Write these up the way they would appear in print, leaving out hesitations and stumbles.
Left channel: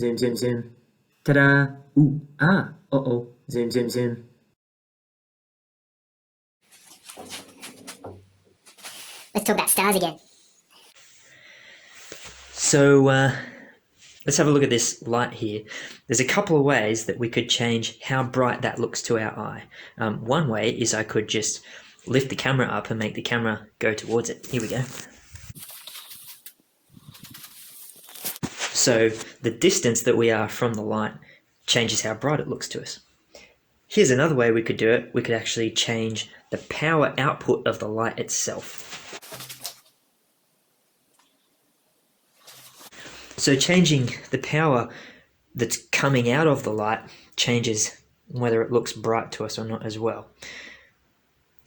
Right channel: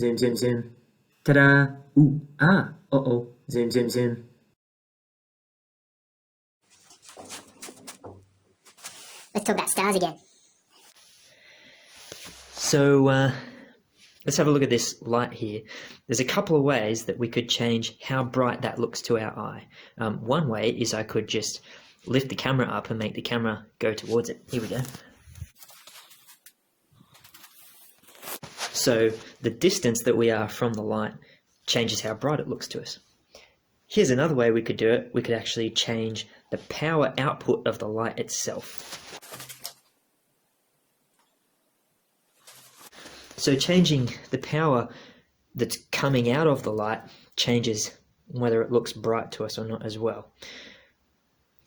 Zoom, zoom, zoom. Ta-da! Ooh, ah, uh-oh. Zoom, zoom, zoom. Let's talk about stars again. So let's have a look at this light here. There's a couple of ways that we could change how bright that looks to our eye. One way is I could just lift the camera up and make the camera go towards it. Here we go. So the distance that we are from the light changes how bright it looks to us. Here's another way we could do it. We could actually change the power output of the light itself. So changing the power that's coming out of the light changes whether it looks bright to us or not as well.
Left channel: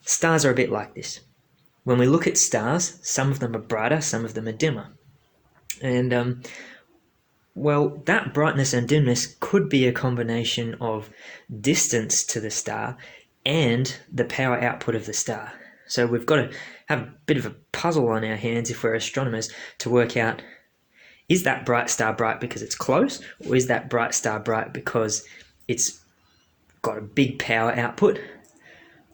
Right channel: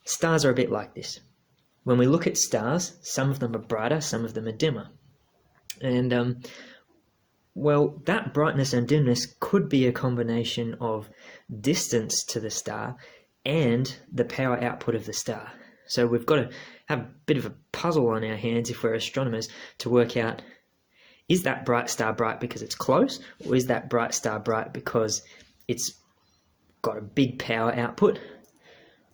Stars are a bit like this. When we look at stars, some of them are brighter, some of them are dimmer. And well, that brightness and dimness could be a combination of distance to the star and the power output of the star. So we've got to have a bit of a puzzle on our hands if we're astronomers to work out, is that bright star bright because it's close, or is that bright star bright because it's got a big power output?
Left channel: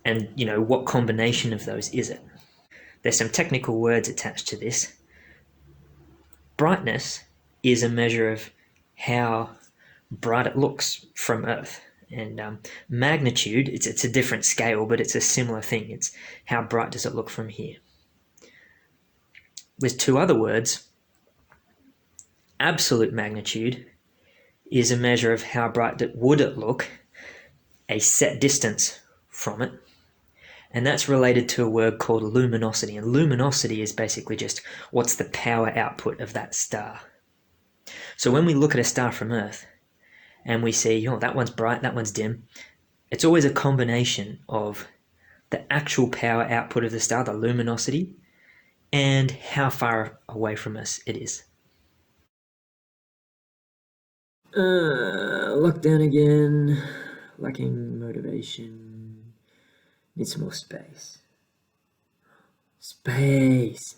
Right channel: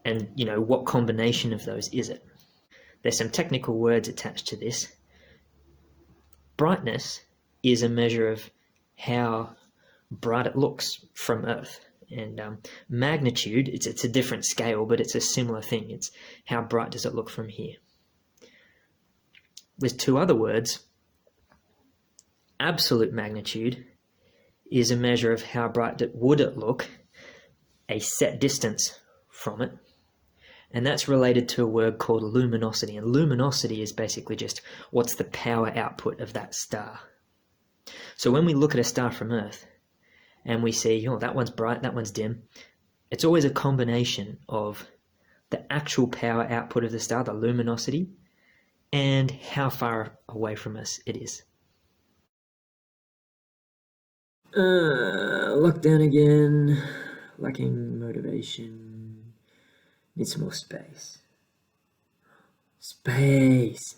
And, you know, what combination of those is it? There's some technical words attached to this. Brightness is a measure of how bright it looks from Earth. And magnitude, it's a different scale, but it's a similar thing. It's how bright does it look from here. There's two other words. Absolute magnitude is a measure of how bright would it look, a set distance from it. And that's related to a word called luminosity. And luminosity is basically just what's the power output of that star. So when we look at a star from Earth and we see, oh, that one's bright, that one's dim, it's always a combination of the actual power output of the star, the luminosity, and how far away from us it is. Lockdown again. Lacking motivation. Need some more space. Space.